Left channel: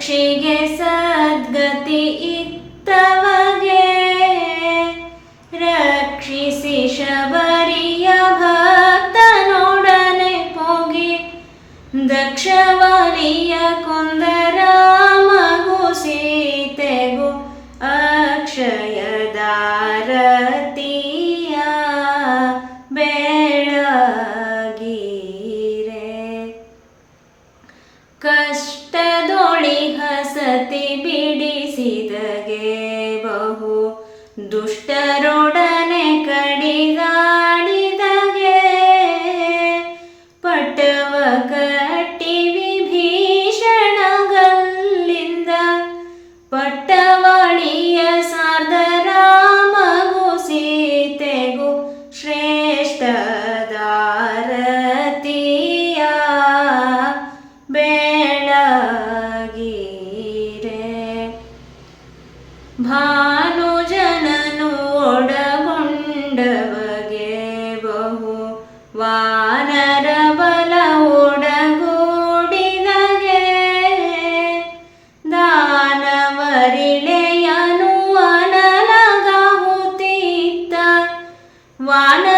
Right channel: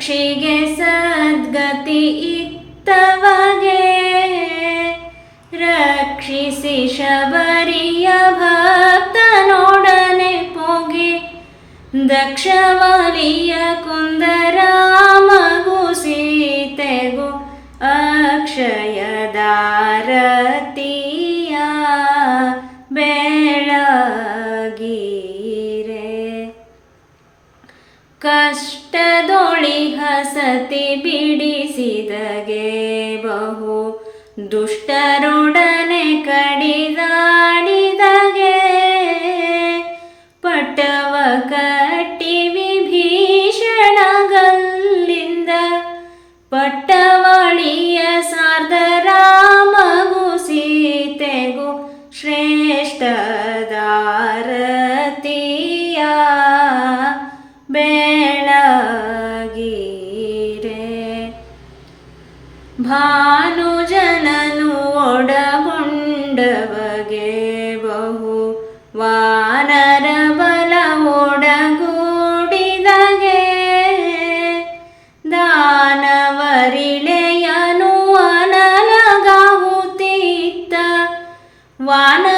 रक्षिगे सद्गति इत्तवगे। तव रक्षि शबरी भोडने पि दक्षवीया कुन्दरमगु सीतेगो अक्षय ಸತಿ ಬಿಡಿಸಿದಗೆ ಬಹು ದುಷ್ಟರೊಡನೆ ಕಡಿದಾಡಿದಗೆ ಪಟವ ಕಟ್ಟಿ ವಿಭೀಷಣಗಲ್ಲಿಂದ ಪಟ್ಟವಳಿಯ ಸಾರ್ಧರಾಮಗೂ ಸೀತೆಗೂ ಶ್ರೇಷ್ಠ ಭಾನುಜನನು ಒಡಗೊಂಡವಗೆ ಬಹು ವಾನರ ಬಲ ಒಡಗೂಡಿದಗೆ ದಾನವರಿಳೆಯನು ಅನಲಗಾಹುತ್ತಿದ್ದ ವಾನ